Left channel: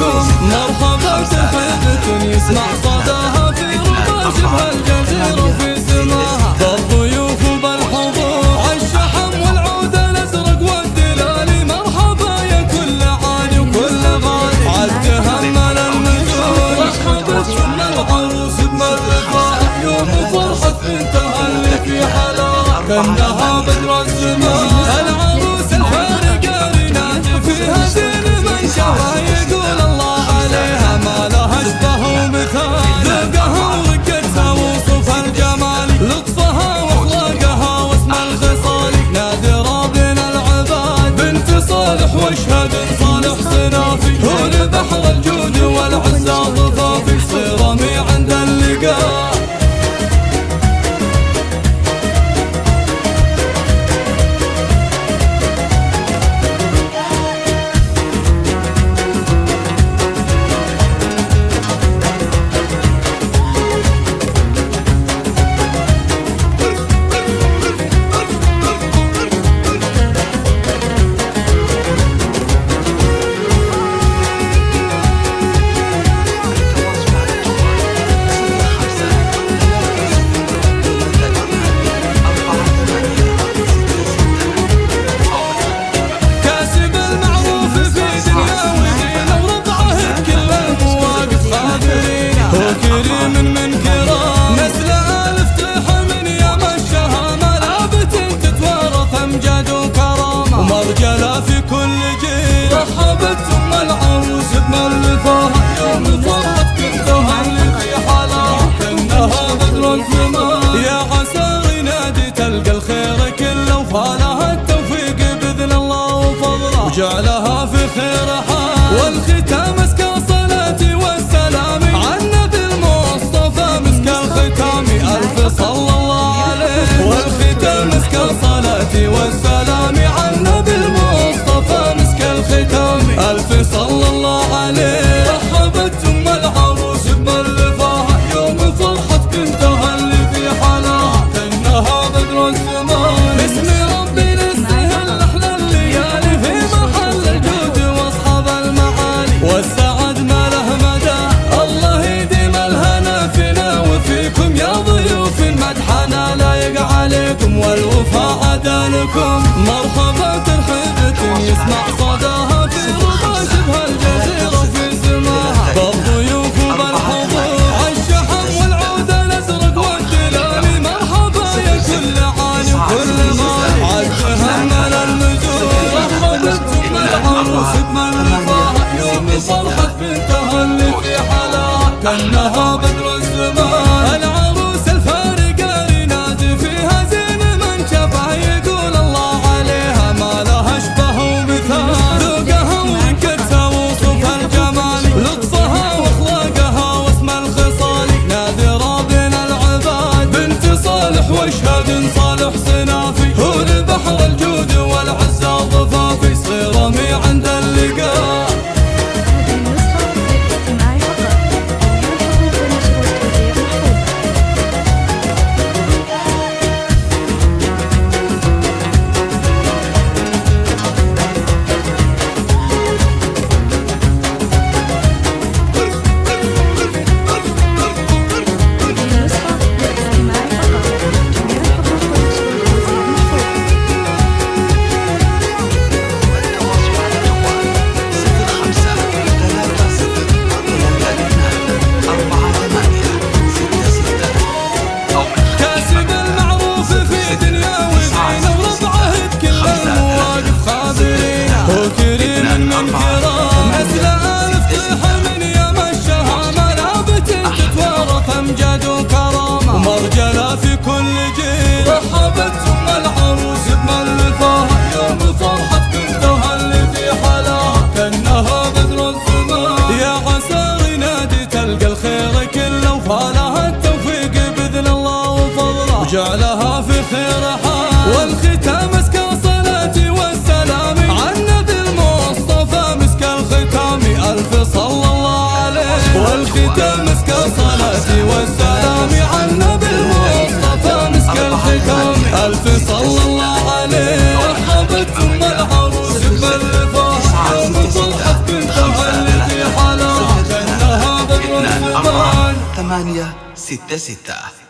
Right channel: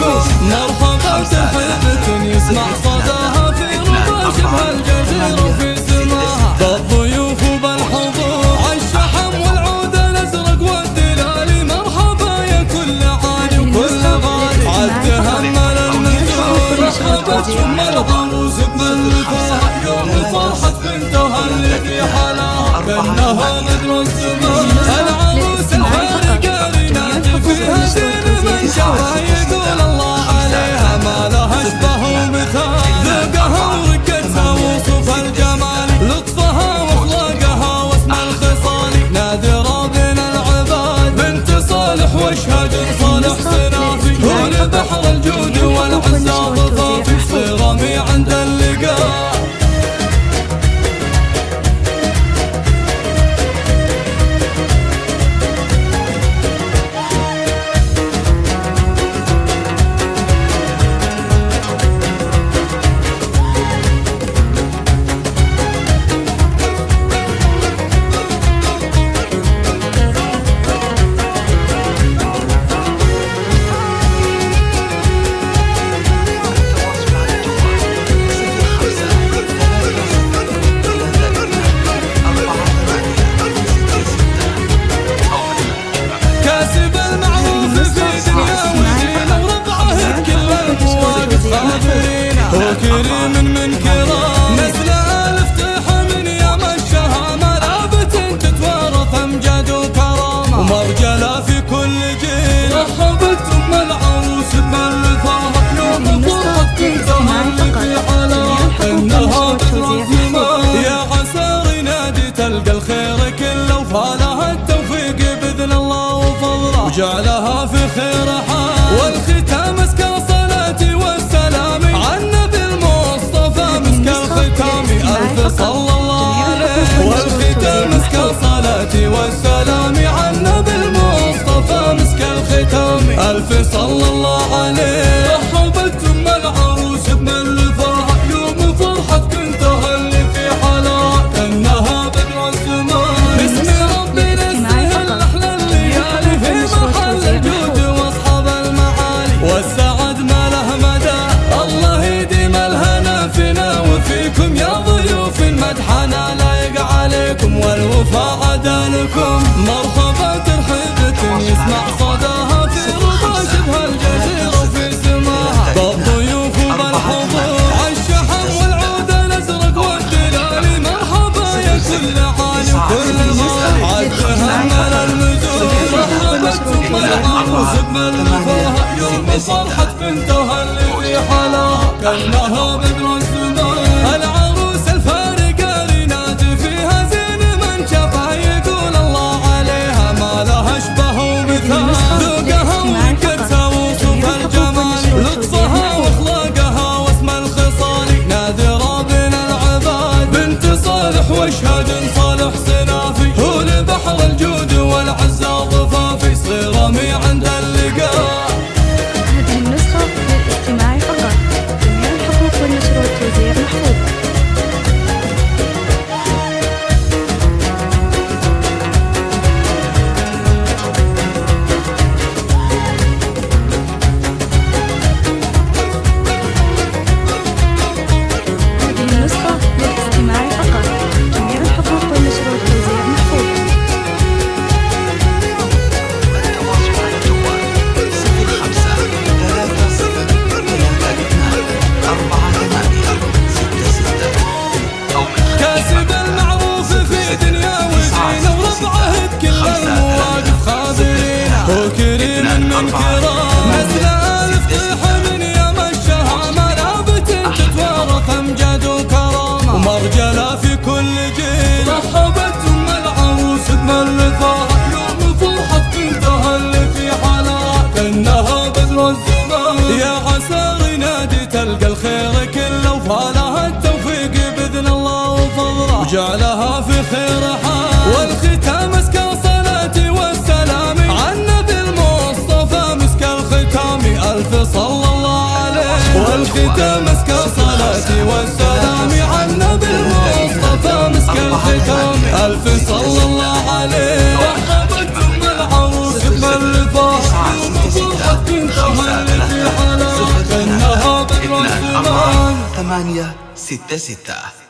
لكم مرحبا ترحيبة يسمع صداها في ربا شبه الجزيرة في سماها بالضيوف وبالحضور عالشحم والعود الازرق والدلالي مرحبا يا كل عالي وكل غالي عالتهمل المنزول العروس بملكها يوم فرحة بنتها اللي في حلاها كأنها بدر السماء العروس الفارقة ريناجي فيها زين من شافها يقول الله عليها ما لها اشبه ومثال ذوقها ورقتها وصف الجمال لطفها واخلاقها واسم الخصالي نادرة بين العباد بنت صالح واشهد صالح صنافي هو بحر الجود والعزة ضفافي صرامي عند اللقاء كاسب المعروف في دنيا ودين وربعه بكل المواقف خابرين هو كريم من كرام نسل ألف طيح من يوم الشهامة لابت تتوارث أمجاد وكرامة ومرجلة في كل جيل رحبت ثم العروس بملكها يا عسى نادي تلقى الخير كله وفالها التوفيق بإذن الله وفضله وجعلها في خير حال والختام مسك صلاتي والسلام على النبي المصطفى مسك الختام ألف صلى الله عليه والختام مسك صلاتي والسلام على النبي المصطفى مسك الختام ألف صلى الله عليه رحبت ثم العروس بملفها يوم فرحة بنتها اللي في حلاها كأنها بدر السماء باسم ربنا السهل أحلى الليالي في محل الجود واصحاب المعالي والسعد ما له مدى الله يديم الهنا فينا وفيكم يا ضيوف مدحنا لايق عليكم والوفاء عدالكم مرحبا ترحيبة يسمع صداها في ربا شبه الجزيرة في سماها بالضيوف وبالحضور عالشحم والعود الازرق والدلالي مرحبا يا كل عالي وكل غالي عالتهمل المزور العروس بملكها يوم فرحة بنتها اللي في حلاها كأنها بدر السماء العروس الفارقة ريناجي فيها زين من شافها يقول الله عليها ما لها اشبه ومثال ذوقها ورقتها وصف الجمال لطفها واخلاقها واسم الخصالي نادرة بين العباد بنت صالح واشهد صالح صنافي هو بحر الجود والعزة ضفافي صرامي عند اللقاء. هذه النسخة للاستماع فقط جميع الحقوق والنشر والتوزيع محفوظة. كاسب المعروف في دنيا ودين وربعه بكل المواقف خابرين هو كريم من كرام نسل ألف طيح من يوم الشهامة لابت تتوارث أمجاد وكرامة ومرجلة في كل جيل رحبت ثم العروس بملكها يوم فرحة بنتها اللي في حلاها كأنها بدر السماء يا عسى نادي تلقى الخير كله وفالها التوفيق بإذن الله وفضله وجعلها في خير حال والختام مسك صلاتي والسلام على النبي المصطفى مسك الختام ألف صلى الله عليه والختام مسك صلاتي والسلام على النبي المصطفى مسك الختام ألف صلى الله عليه ثم العروس بالرفاق يوم فرحة بنتها اللي في حلاها 3 2 4 8 6 6.